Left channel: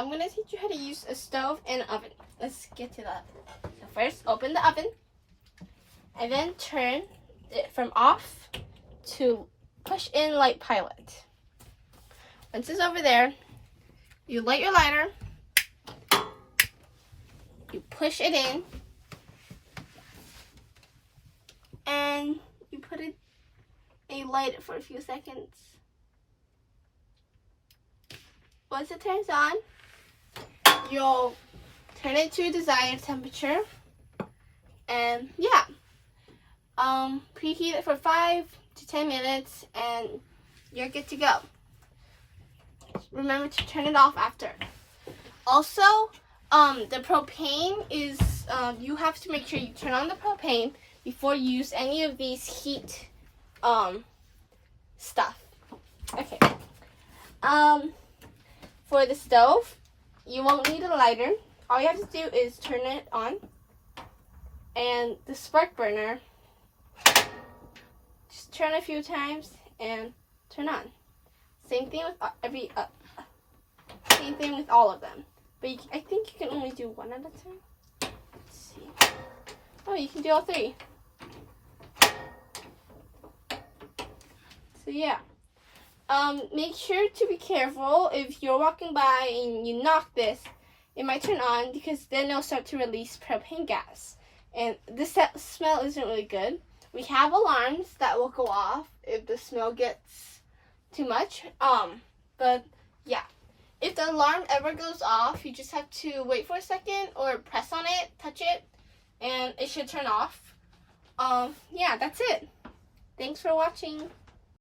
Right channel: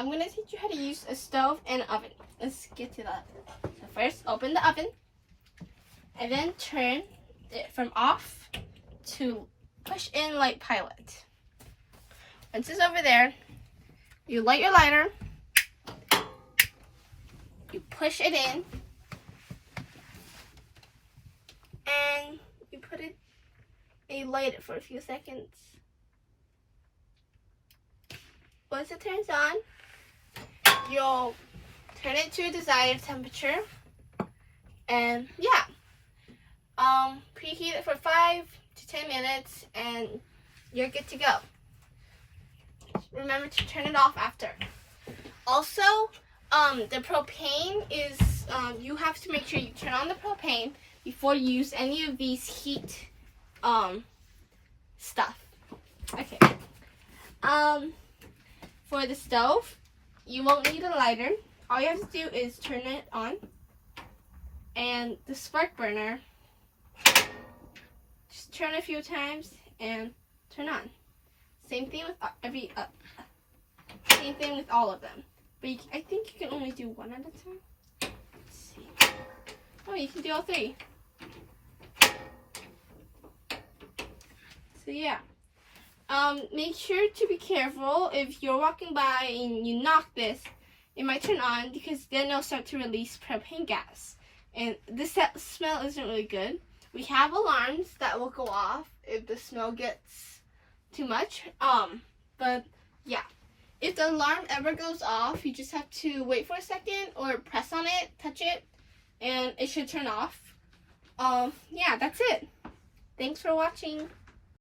I'm going to teach you how to use a stove and an oven. Let's get to that. So first, open the oven. And then turn it from off to push in light pilot. Once it's over there, you light your lighter. You push it in. And you put it, and you light it for a few seconds. Once it turns on, you'll turn it to a desired temperature. And yeah, preheat it for 5 to 10 minutes and you're good to go. Remember to turn it off after. Also, the propane is, you have to make sure you turn on the propane before you use any of these heat stuff. Okay. For the stove, you won't need a lighter. All you have to do is turn it on. And the spark burner, just turn a few times and turn on. Same thing with same thing with all of them. But I think you can only do one at a time. Let's see. Oh, you can do all 3. So yeah. Make sure to be careful if you're walking by and you knock this, it might turn on because then it'll start to release propane gas. And this smell isn't really good. We have alarms that will go off if the smell gets too much. But yeah, if the alarm ever goes off, you just have to wait for a second or press on it, touch it, and it should turn off. Yeah, that's it. Thanks for watching.